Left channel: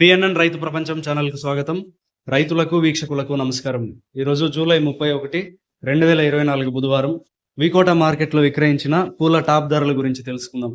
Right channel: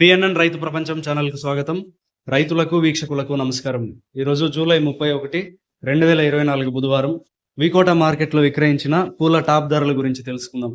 PNN రైతు ప్రపంచం ఛానల్కు స్వాగతం. రైతులకు వీక్షకులకు నమస్కారం. ఈరోజు జూలై ముప్పై ఒకటి రెండు వేల ఇరవై నాలుగు బుధవారం వికోట మార్కెట్లో విక్రయించిన పూల టాప్ ధరల గురించి తెలుసుకుందాం.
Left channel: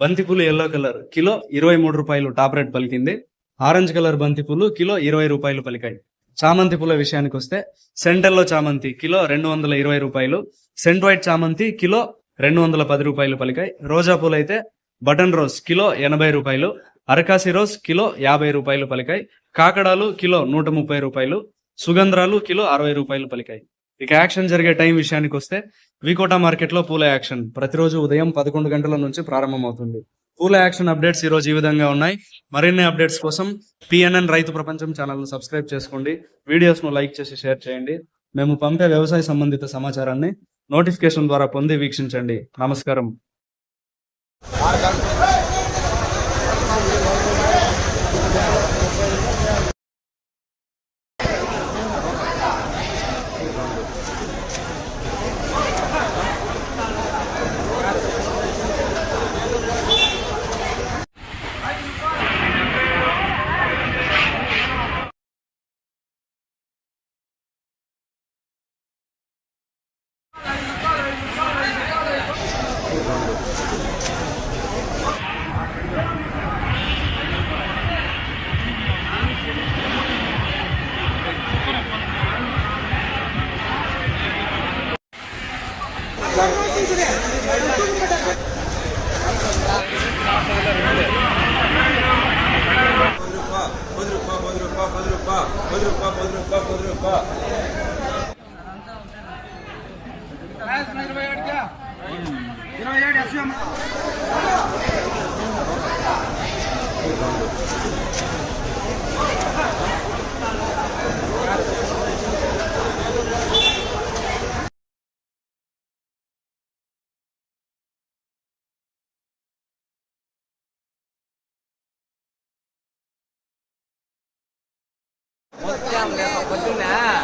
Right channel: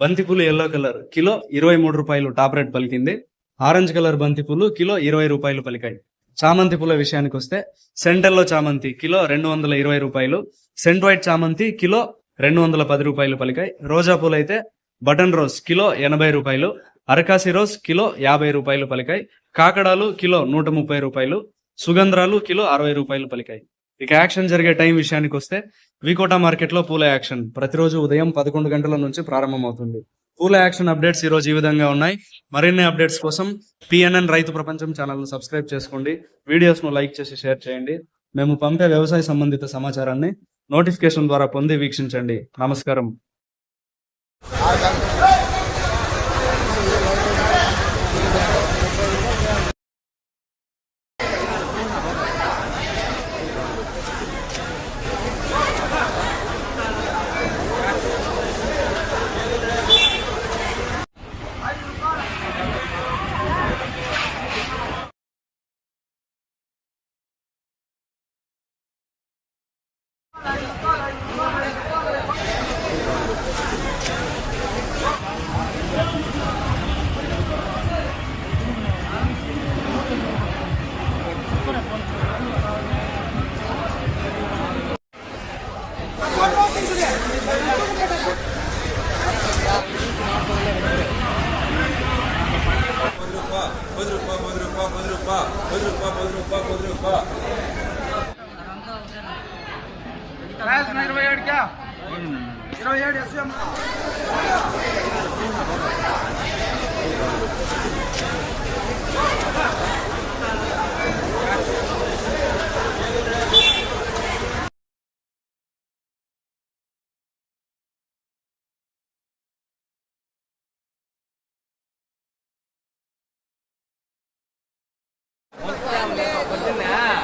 బంతిపూలు ఎల్లో కలర్ కిలో ఇరవై మూడు రూపాయలు టాప్ రేట్ పలికింది. ఆరెంజ్ కలర్ బంతిపూలు కిలో ఇరవై రూపాయలు పలికాయి. చామంతి పూల విషయానికి వస్తే సెంటర్లో చామంతి కిలో రెండు వందల ఇరవై రూపాయలు సెంట్ వైట్ చామంతి కిలో రెండు వందల పది రూపాయలు పలికాయి. రోజా పూలు అయితే బటన్ రోజ్ కిలో ఎనభై రూపాయలు అరకాసి రోజ్ కిలో యాభై రూపాయలు పలికాయి. కాకడాలు కిలో నూట ముప్పై రూపాయలు. సుగంధ్రాలు కిలో అరవై రూపాయలు పలికాయి. ఇక యాక్షన్ జరిగే టైం విషయానికి వస్తే వికోటా మార్కెట్లో పూల యాక్షన్ ప్రతిరోజు ఉదయం పదకొండు గంటల నుంచి ప్రారంభమవుతుంది. పూల యాక్షన్ అప్డేట్స్ ఈ రోజు ఈ విధంగా ఉన్నాయి. మరిన్ని అప్డేట్స్ కోసం పిఎన్ఎన్ రైతు ప్రపంచం ఛానల్ సబ్స్క్రైబ్ చేసుకోండి. వీడియోస్ను లైక్ చేసి షేర్ చేయండి. మేము పంపే వ్యవసాయ సంబంధిత సమాచారాన్ని నోటిఫికేషన్ ద్వారా పొంది వీక్షించండి. నమస్కారం. రూపాయ పది రూపాయ పది రూపాయ పది రూపాయ పది రూపాయ పది రూపాయ ఇరవై ఏడుకా ఇరవై ఏడు ఎస్ఎం 我是这样的好宝真难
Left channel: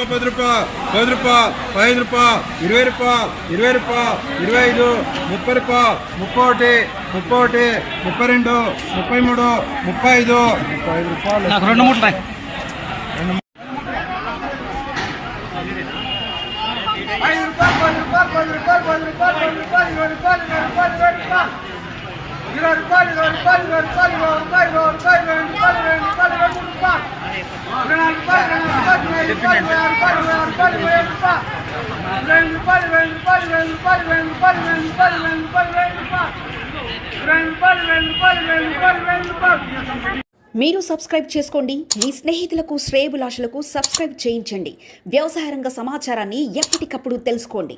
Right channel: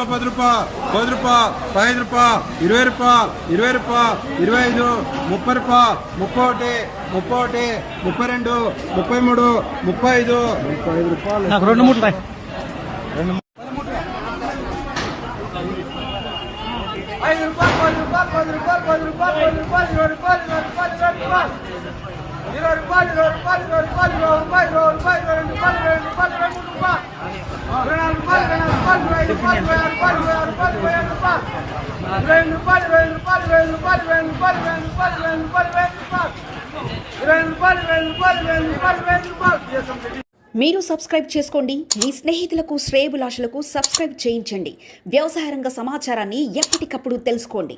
రూపాయలు పది రూపాయలు పది రూపాయలు పదిహేను రూపాయలు ఇరవై రూపాయలు ఇరవై రూపాయలు ఇరవై ఐదు ముప్పై రూపాయలు ముప్పై ఒకటి ముప్పై ఒకటి ముప్పై రెండు ముప్పై మూడు ముప్పై ఐదు ముప్పై ఐదు రూపాయలు రెండు మూట ఇరవై రూపాయలు ఇరవై రూపాయలు ఇరవై రూపాయలు ఇరవై రూపాయలు ఇరవై రూపాయలు ఇరవై రూపాయలు ఇరవై రూపాయలు ఇరవై మూడు రూపాయలు ఇరవై నాలుగు రూపాయలు ఇరవై రూపాయలు ఇరవై రూపాయలు ఇరవై రూపాయలు ఇరవై రూపాయలు ఇరవై రూపాయలు ఇరవై రూపాయలు ఇరవై ఎనిమిది రూపాయలు ఇరవై రూపాయలు ఇరవై రూపాయలు ఇరవై రూపాయలు ఇరవై రూపాయలు ఇరవై రూపాయలు ఇరవై రూపాయలు ఇరవై రూపాయలు ఇరవై రూపాయలు మీరు సబ్స్క్రైబ్ చేసుకోండి. మీ స్నేహితులకు శ్రేయబులాషులకు సబ్స్క్రైబ్ చేయించండి. వ్యవసాయ రంగ సమాచారాన్ని ఎప్పటికప్పుడు తెలుసుకోండి.